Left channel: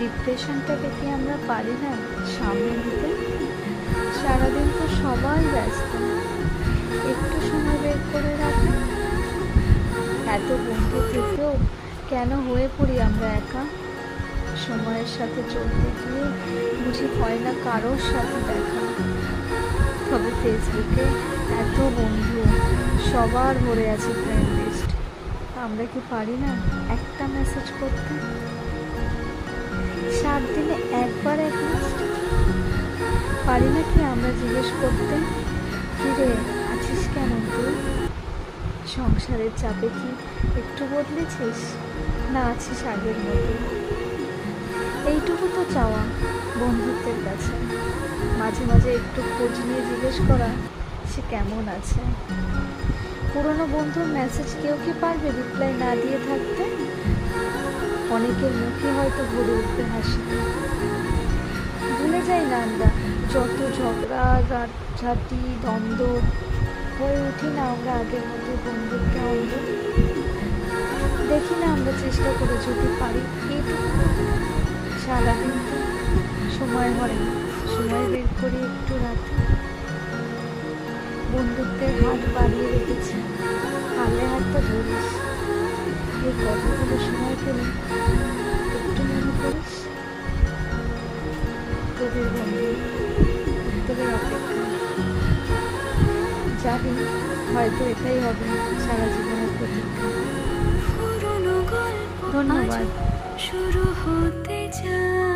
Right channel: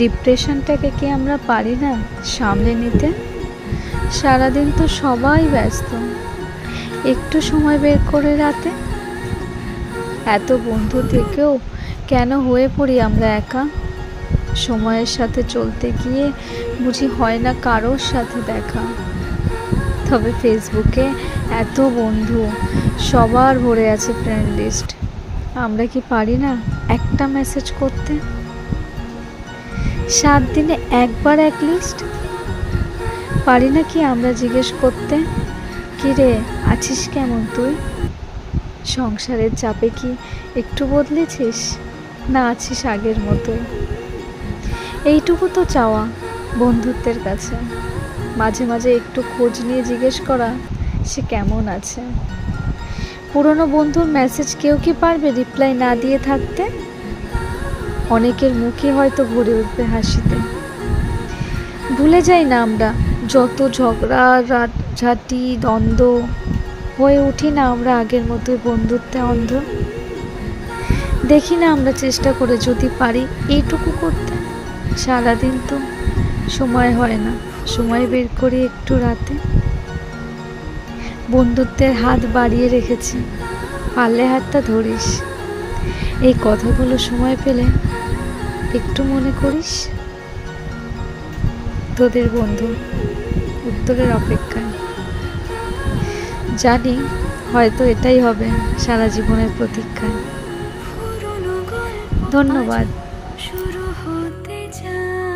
ডিপ্রেশনটাকে কি আমরা পারি না সামলে নিতে? সারাদিন তো সবাই ব্যস্ত, একটু সময় বের করে রাতে। এত বন্ধু থেকেও কেন হয়ে পড়ি আমরা একা? সময়ের সাথে চলতে গিয়ে বুঝি হয় না কারোর সাথে দেখা। তবে ফেসবুকে এত বন্ধু, সবার ভরে আছে ফ্রেন্ড লিস্ট। আমরা কি পারি না একটা মেসেজ করতে? 7 দিনে একবার এক লিস্ট। পারি না কি আমরা জিজ্ঞেস করতে, কি রে আছিস কেমন তুই? সংসারের চাপে কি একটু বদলেছিস, না আছিস আগের মতো? এইটুকু তো চাওয়া বন্ধুত্বের কাছে, মাঝে মাঝে একটু খোঁজ নিয়ে জিজ্ঞেস করা সে কেমন আছে। পুরনো বন্ধুর মেসেজ কেউ কি পারবে রিপ্লাই না দিয়ে থাকতে? অনেকের মুখে হয়তো ভরে উঠবে হাসিতে। ভুলে যাই না আমরা যত ঝগড়া, ঝাঁটি, দ্বন্দ্ব, হয়ে উঠি না আমরা আগের মতো বন্ধুত্বে অন্ধ? দেখি না আমরা চেষ্টা করে যদি পারি এইটুকু করতে। সারাদিন তো সময় হয় না, সময় বের করি একটু রাতে। বন্ধুত্বের হাত বাড়িয়ে রেখেছি, পারলে হাতটা ধরিস। এই কথাগুলো সময় পেলে একটু মনে করিস। তোদের বন্ধু, উত্তরের অপেক্ষায়। জানি হয়তো এটাই হবে সারা জীবনের প্রতীক্ষা। ধন্যবাদ। শুরু হতে চায়।